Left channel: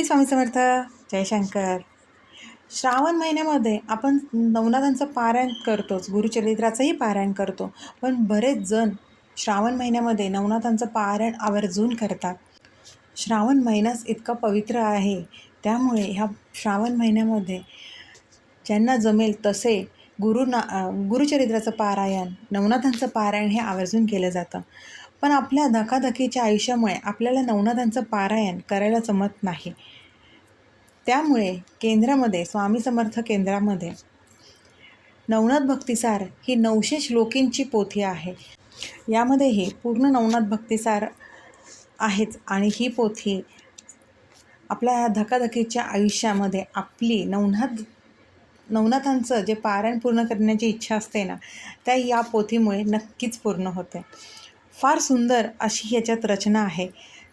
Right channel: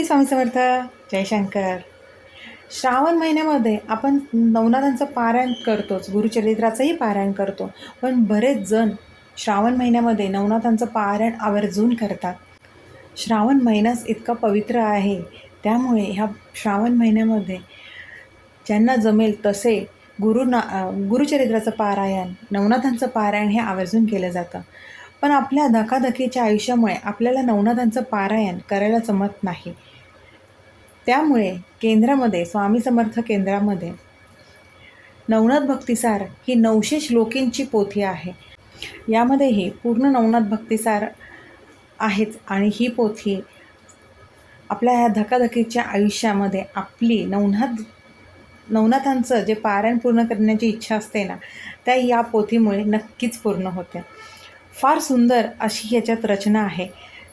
श्री स्वामी समर्थ जयशंकर. श्रावण महिन्यामध्ये आपण नवनाथांचं पारायण करतोच. गुरुचरित्राचंही पारायण करतो. पण बरेच जण श्रावण महिन्यामध्ये नवनाथांचं पारायण आवर्जून करतात. श्रावण महिनाच इतका पवित्र आहे. त्यामुळे ह्या श्रावण महिन्यामध्ये ज्यांना जमेल तसे गुरुना गुरुचरित्राचं पारायण नवनाथांचं पारायण हे आवर्जून केलं जातं. पण आपल्या धकाधकीच्या आयुष्यामुळे आपल्याला नवनाथांचं पारायण करायला जमत नाही. त्यामुळे केंद्रामध्ये स्वामी समर्थ केंद्रामध्ये नवनाथ भक्तिसार ही नऊशे श्लोकींची पोथी आहे. यामध्येही पूर्ण नवनाथ भक्तिसार आहेच आणि ही पोथी आपल्या ह्या धकाधकीच्या आयुष्यामध्ये आपली नवनाथ नवनाथांचं जे पारायण पूर्ण करण्याची इच्छा असते ना त्या या पोथीमुळे नक्कीच पूर्ण होते फार सुंदर अशी ह्याच्यात रचना आहे.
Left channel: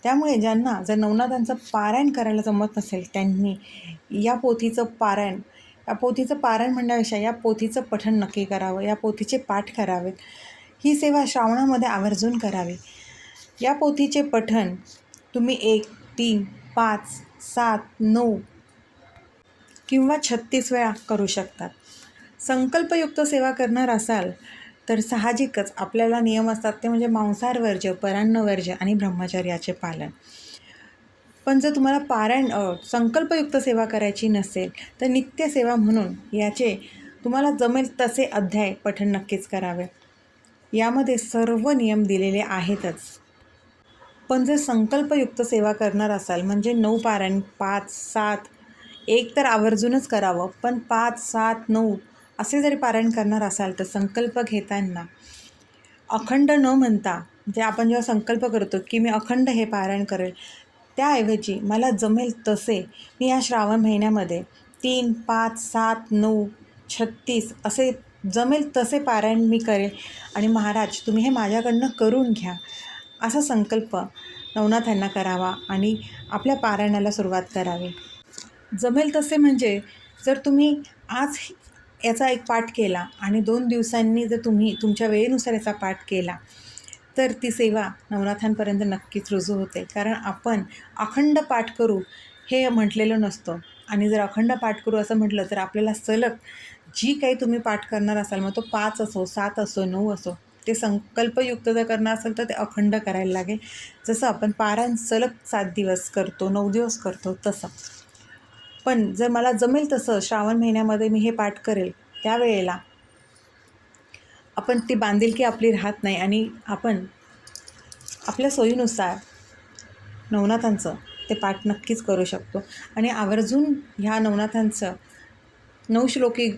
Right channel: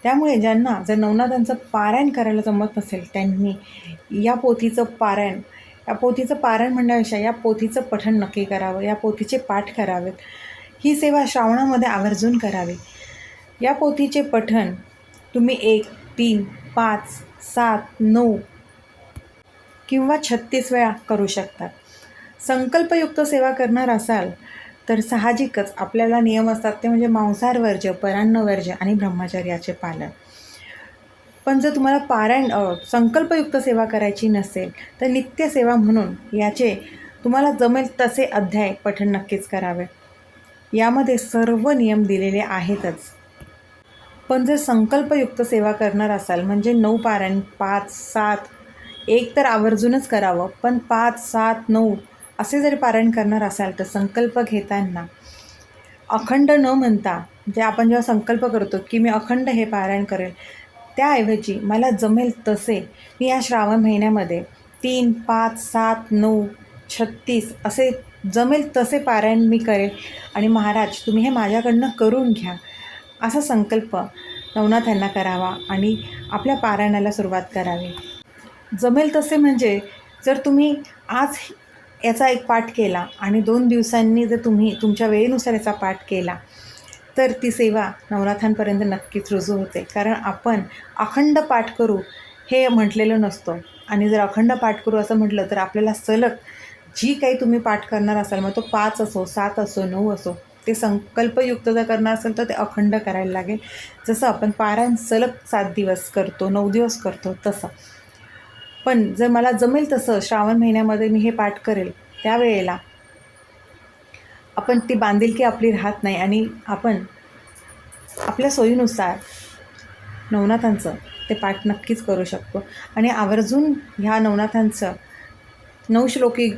त्यामुळे ज्यांना जर नवनाथांचं पारायण करायला जमत नसेल त्यांनी या पोथीचं पारायण या पोथीचं पारायण म्हणण्यापेक्षा या पोथीचं पठण नक्की करावं या पोथीचे पाठ करावेत. ही सेवा श्रावणामध्ये आवर्जून करावी. या पोथीचे पठण तुम्ही एक तीन पाच सात नऊ किंवा छत्तीस वेळा करू शकतात संकल्पयुक्त सेवा करणार असाल तर साहजिकच आपल्याला नियम असतात ते म्हणजे मांसाहार वर्ज्य परान्न वर्ज्य आणि ब्रह्मचर्याचे पालन. पण जर तुम्हाला पारायण संकल्पयुक्त सेवा करायची नसेल तर नित्यसेवा म्हणून याचे तुम्हाला जमेल तसे अध्याय पठण नक्कीच करावे. यामध्ये सर्व नियम दिलेले आहेतच. पण जर संकल्पयुक्त सेवा करणार असाल म्हणजे नऊ पारायण पाच सात एक तर आवर्जूनच करावं पण पाच सात नऊ असे जरी पारायण करणार असाल तर संकल्प घेताना अखंड न म्हणता जे आपण जेव्हा संकल्प करतो की मी अखंड हे पारायण करेल त्याऐवजी मला जमेल तसे मी या श्रावण महिन्यामध्ये तीन पाच सात नऊ छत्तीस असे जमेल तसे पारायण मी करेल. आणि महाराज तुम्ही हे माझ्याकडनं करून घ्या. असा संकल्प नवनाथ यांना करावा आणि आपल्या पारायणाला सुरुवात करावी. जमेल तसे म्हणजे जर तुम्ही आज याचा एक पाठ केला आणि दोन दिवसांनी जर तुम्ही तुमच्या वेळेनुसार याचा पाठ केला तर ती सेवा नवनाथांपर्यंत नक्कीच रुजू होते. कारण आपण अखंड पाठ करू हे म्हटलेलं नसतं. आणि जर अखंड पाठ करू असं म्हटलं तर आपल्याला सलग जी काही तुम्ही पाठ करणार असाल मग तो पाच असो सात असो नऊ असो ते संकल्पयुक्त जर करणार असेल तर ते अखंड करायला लागेल. जसं आपण पारायण सलग सात दिवस करतो नऊ दिवस करतो तसं. पण जर मला जमेल तसं श्रावण महिन्यामध्ये मी हे पाठ करेल त्यावेळेला आपण ती बांधिलकी आपली राहत नाही आणि आपण आपल्या सोयीनुसार नवनाथांचं ते पाठ नक्कीच करू शकतो. आणि आवर्जून ह्या नवनाथांचं नवश्लोकी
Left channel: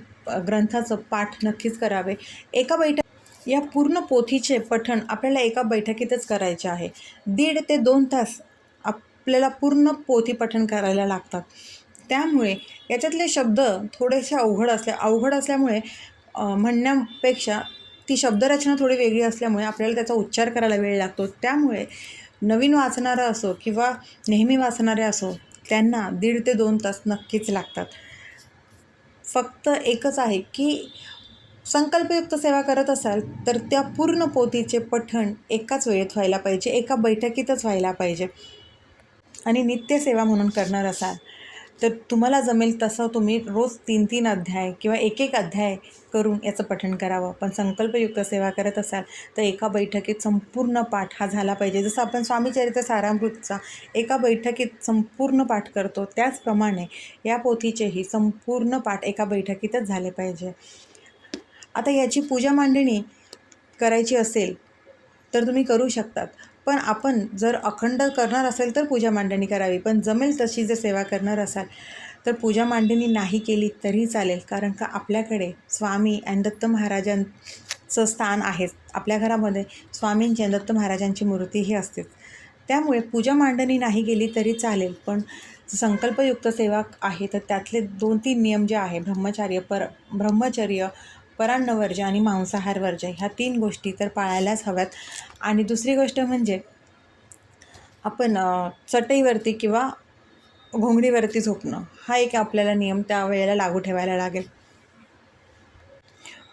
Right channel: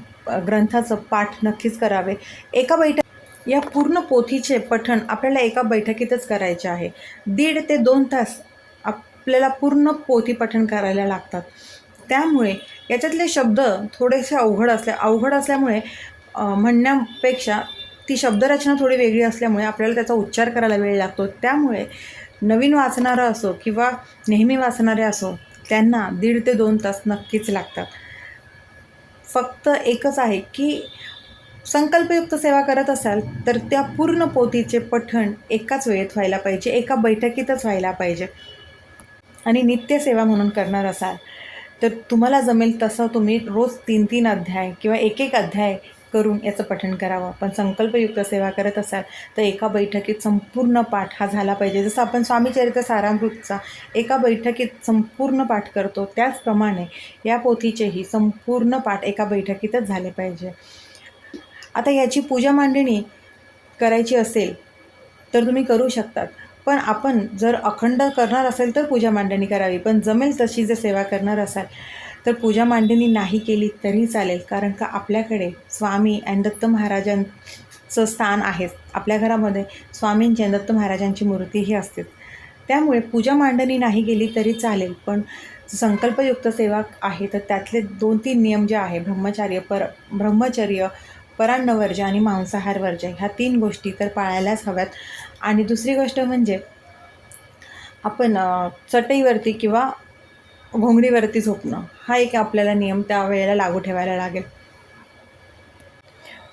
ग्रंथाचं पाठ नक्कीच करावे. एका बैठक या पूर्ण पोथीचे पठण आपल्याला एका बैठकीतच करायचे आहे. दीड ते दोन तास आपल्याला पूर्ण पोथी पठण करायला लागतात. त्यामुळे याच्यातले शब्द थोडेसे अवघड असल्या अवघड असल्यामुळे म्हणण्यापेक्षा ती शब्दरचना थोडी वेगळी असल्यामुळे आपल्याला त्याचा उच्चार करायला वेळ लागतो. त्यामुळे नवीन वाचणारं असो किंवा नेहमी वाचणारे असो त्यांना दीड ते दोन तास नक्कीच लागतात. फक्त एकच आहे की संकल्पयुक्त सेवा करत असाल तर त्या पूर्ण पोथीचे पठण एकाच वेळेत व्हायला पाहिजे एका बैठकीतच व्हायला पाहिजे. आणि नित्यसेवा म्हणून करणार असाल तर तुम्हाला जमेल तसं तुम्ही रोज तीन तीन अध्याय किंवा एक एक अध्याय करून याचं पठण करावं. पण संकल्पयुक्त सेवा करत असाल तर एका बैठकीत संपूर्ण पाठ हा झाला पाहिजे. जसं आपण स्वामीचरित्र सारामृतचा एका बैठकीत संपूर्ण पाठ करतो त्याचप्रमाणे या पोथीचेही संपूर्ण पाठ एका बैठकीतच झाले पाहिजे. आता याची पूजा मांडणी करायची असेल तर तुम्ही करू शकतात. पण आपण जर अखंड करणार असेल तर पूजा मांडणी करावी. पण जमेल तशी जर सेवा करणार असाल तर पूजा मांडणी नाही केली तरी चालेल. कारण का आपल्याकडे स्वामी आणि दत्त महाराजांचं स्थान आहे. आपल्या घरामध्ये स्वामींची आणि दत्त महाराजांची मूर्तीही असतेच त्यामुळे पूजा मांडणी नाही केली तरी चालेल. पण संकल्पयुक्त सेवा आहे. तर त्यातले दोन तीन नियम जे आहे ब्रह्मचार्य पर ब्रह्मचर्य परान्नवर्ज आणि मांसाहार वर्ज ह्या तीन गोष्टी तर पाळायलाच हव्यात. आणि दुसरी गोष्ट म्हणजे आपण चटईवरती किंवा घोंगडीवरती झोपणं हा एक आपल्याला नियम त्या वेळेला लागू ठेवायला लागेल.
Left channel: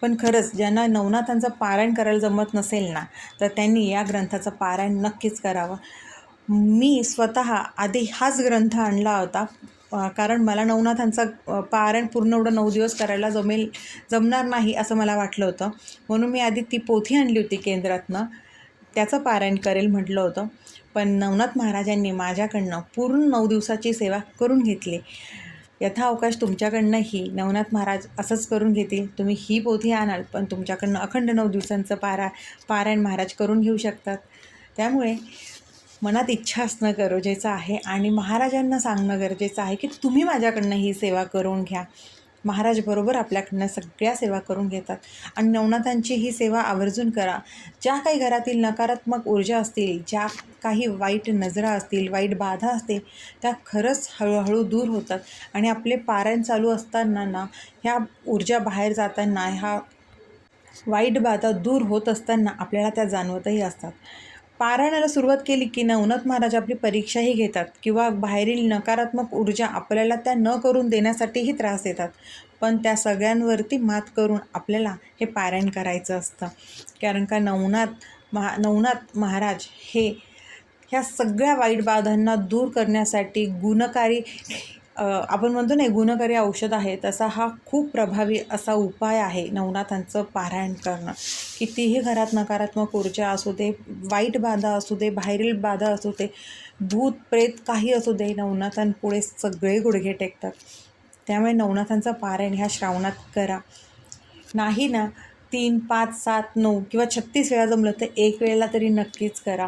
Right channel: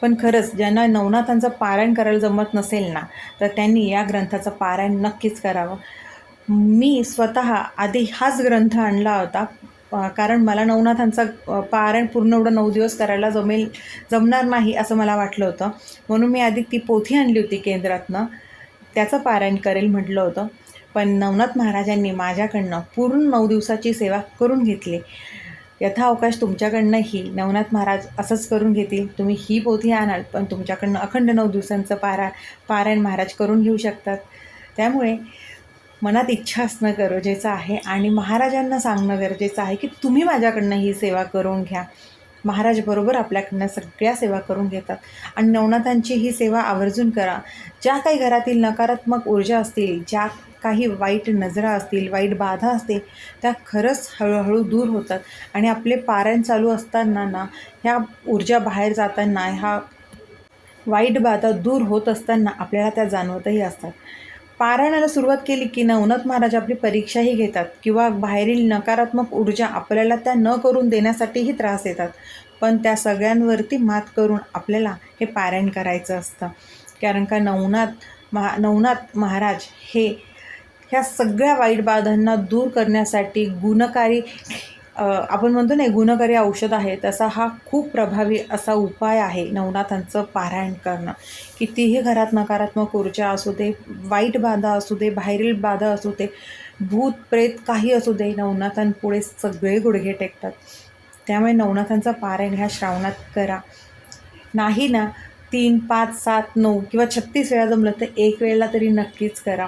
पण खरंच ज्यांना नवनाथांचं पारायण करायला जमत नसेल ना तर त्यांनी या ग्रंथाचं पारायण नक्कीच करावं. मी स्वतः आधी हाच ग्रंथ आणला होता. कारण मला नवनाथांचा पारायण पूर्ण एवढं नऊ दिवस करायला जमेल जमणार नाही असं मला वाटलं होतं. म्हणून मी आधी ती पोथी आणली होती केंद्रातनं. त्याचं पारायण करेल म्हटलं होतं. पण नवनाथ महाराजांनी माझ्याकडनं पूर्ण नऊ दिवसाची सेवा करून घेतली. यथाअवकाश तुमच्याकडनंही नवनाथ महाराज असंच करून घेतील. तुम्ही ही पोथी आणाल पण तुमच्याकडनं अखंड नऊ दिवसांचं पारा पारायण महाराज करून घेऊ शकतात. त्यामुळे मनात इच्छा असणं गरजेचं आहे आणि महाराजांना सांगणं गरजेचं आहे की तुम्ही माझ्याकडनं ही सेवा करून घ्या. महाराज बरोबर आपल्याकडनं सगळ्या सेवा करून घेतात. आणि नवनाथांची ही सेवा आवर्जून करा. ज्या काही घरातील नकारात्मक ऊर्जा असतील ज्या काही वाईट नजरा असतील वाईट बाधा असतील त्या खरंच हळूहळू दूर होतात. आणि आपले पारायण चालू असताना ना ह्या ऊर्जा बाहेर जाताना ह्या वाईट बाधा दूर होत असताना आपल्याला त्या जाणवतही असतात. पारायणाला सुरुवात केली की नवनाथ महाराज आपली परीक्षाही घेतात किंवा बाहेरील नकारात्मक ऊर्जा आपल्याला त्या न करून देण्यासाठीही त्रास देतात. पण त्या सगळ्यांवरती मात करून आपल्याला हे पारायण करायचं असतं. कारण का नवनाथ महा नवनाथ महाराज हे ह्या सगळ्या वाईट बाधांना दूर करण्यासाठी गुणकारी आपण म्हणतो ना गुणकारी औषध आहे तसा हा खूप प्रभावी असा उपाय आहे नवनाथांचं पारायण करणं. कितीही घरात नकारात्मक ऊर्जा असू दे वाईट बाधा असू दे बाहेरील बाधा असू दे भूत प्रेत काही असू दे नवनाथांपुढे सगळे गुडघे टेकतात. त्यामुळे नवनाथांचं पारायण ह्या श्रावणात करा. नाही ना तीन पाच सात नऊ किंवा छत्तीस वेळा जमलं तर एक वेळेला तरी नक्कीच करा.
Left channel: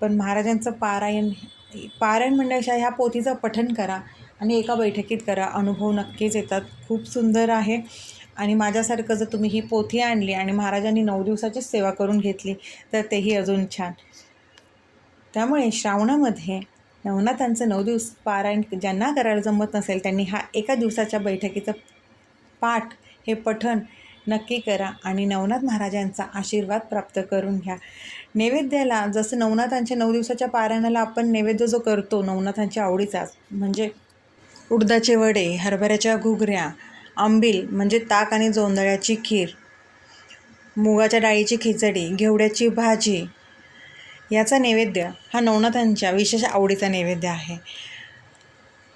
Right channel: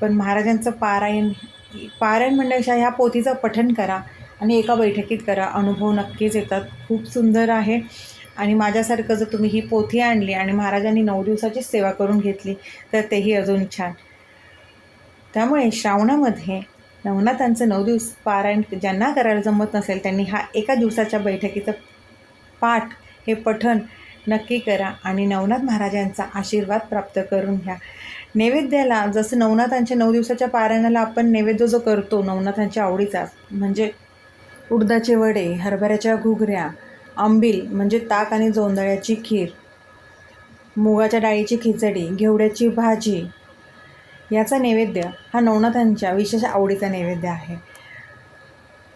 पण महाराजांचं पारायण पारायण म्हणण्यापेक्षा ह्या पोथीचं पठन करा. आणि एका बैठकीत करा. अनुभव नक्कीच येतात. खूप सुंदर आहे. आणि माझ्यासारखं जर तुम्ही ही पोथी आणली आणि महाराजांनी नऊ दिवसाची सेवा करून घेतली तर तेही अजून छान. त्यामुळे श्रावणामध्ये नवनाथांचं नऊ दिवस पारायण ज्यांना करायला जमत नसेल त्यांनी हा एका दिवसाच्या बैठकीचं पाठ हे पठण नक्की करा आणि नवनाथ महाराजांचा आशीर्वाद प्राप्त करून घ्या. नैवेद्याला जसं नवनाथांच्या नऊ दिवसाच्या पारायणाला आपण नैवेद्य जो करतो नवनाथांच्या आवडीचा म्हणजे उडदाचे वडे हरभऱ्याच्या घुगऱ्या आंबील म्हणजे ताक आणि जोंधळ्याची खीर मुगाच्या डाळीची खिचडी घेवड्याची भाजी. याचा नैवेद्य हा नवनाथांच्या विशेष आवडीचा नैवेद्य आहे.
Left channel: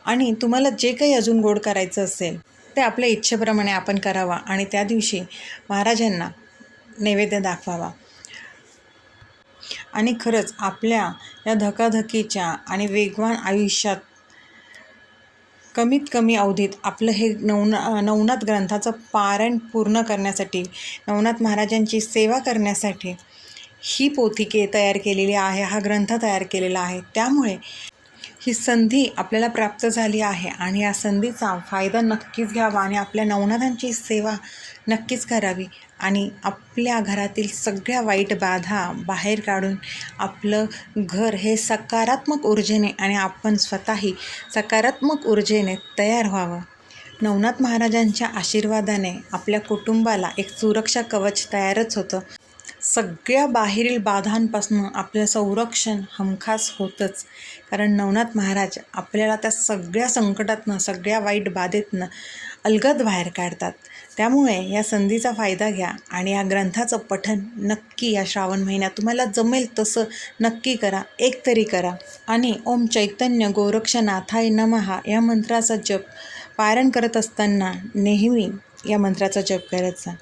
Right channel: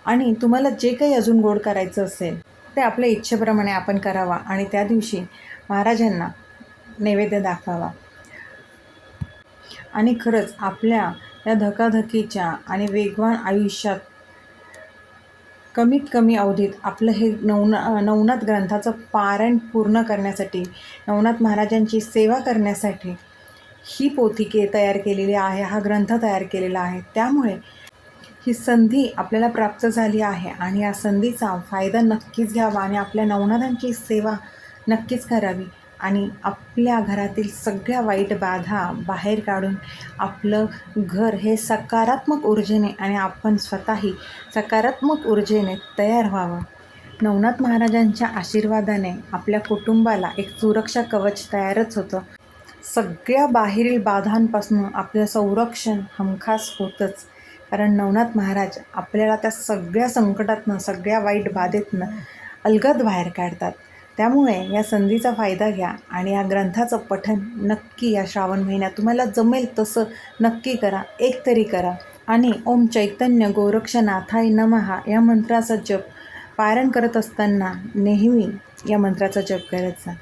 आणि तुम्हाला जे काही अजून गोड करायचं असेल ते आपल्या इच्छेप्रमाणे आपण करावा आणि त्या दिवशी महाराजांना नैवेद्य दाखवावा. आणि खरंच आपल्या या धकाधकीच्या आणि वेगवान आयुष्यात कमीत कमी अवधीत आपलं हे नवना नवनाथ ग्रंथाचं पारायण पूर्ण करण्यासाठी नवनाथ महाराजांची सेवा करण्यासाठी ही पोथी के तयार केलेली आहे हा ग्रंथ तयार केलेला आहे. त्यामुळे ही संधी आपल्याला प्राप्त झाली आहे आणि या संधीचा फायदा नक्कीच घ्यावा आणि आपल्या नवनाथांची सेवा नक्कीच करावी. आणि आपल्या घरातील सगळ्या वाईट बाधा बाहेर काढून आपलं घर हे सकारात्मक ऊर्जेने आणि आपण स्वतःही सकारात्मक ऊर्जेने तयार व्हावं. नवनाथ महाराजांच्या आशीर्वादाने आपल्या कुटुंबाला एक सुरक्षा कवच तयारच होतं. सगळ्या बाहेरील बाधांपासून आपलं संरक्षण हमखास होतंच. कारण नवनाथ महाराज आपल्याला त्या सगळ्या संकटातनं सगळ्या वाईट बाधेतनं अलगद बाहेर काढतात. त्यामुळे या संधीचा फायदा घ्या आणि या ग्रंथाचं पठन नक्की या श्रावण महिन्यात. तुम्हाला जमेल तसं नक्की करा एक तरी करा. आणि ओम चैतन्य गोरक्षनाथाय नमहा या मंत्राचा जप पारायण करत असताना नेहमी या मंत्राचा जप करायचा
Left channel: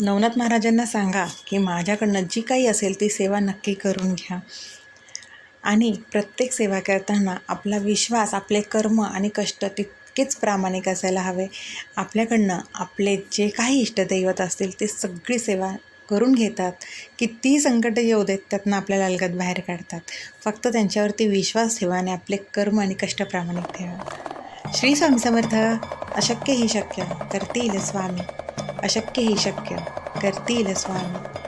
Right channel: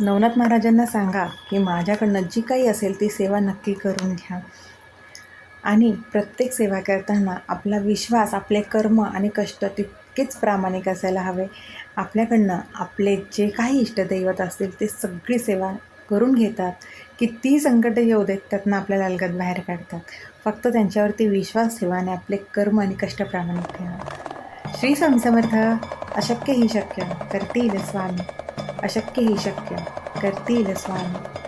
नवनाथ महाराजांना सांगा की माझ्याकडनं जी काही असेल ती सेवा नक्की करून घ्या. आणि प्रत्येक सेवा करताना आपला विश्वास आपले कर्म आणि कष्ट तितकेच प्रामाणिक असायला हवे. आपल्याकडनं आपले जे काही इष्टदैवत असतील ते सगळी सेवा करून घेतात. किती संकट येऊ देत त्यातनं आपल्याला अलगद बाहेर काढतात. फक्त त्यांच्यावरती विश्वास ठेवा आणि आपले कर्म आणि कष्ट प्रामाणिक ठेवा. श्री स्वामी समर्थ अशक्य ही शक्य. करतील स्वामी. अशक्य ही शक्य. करतील स्वामी.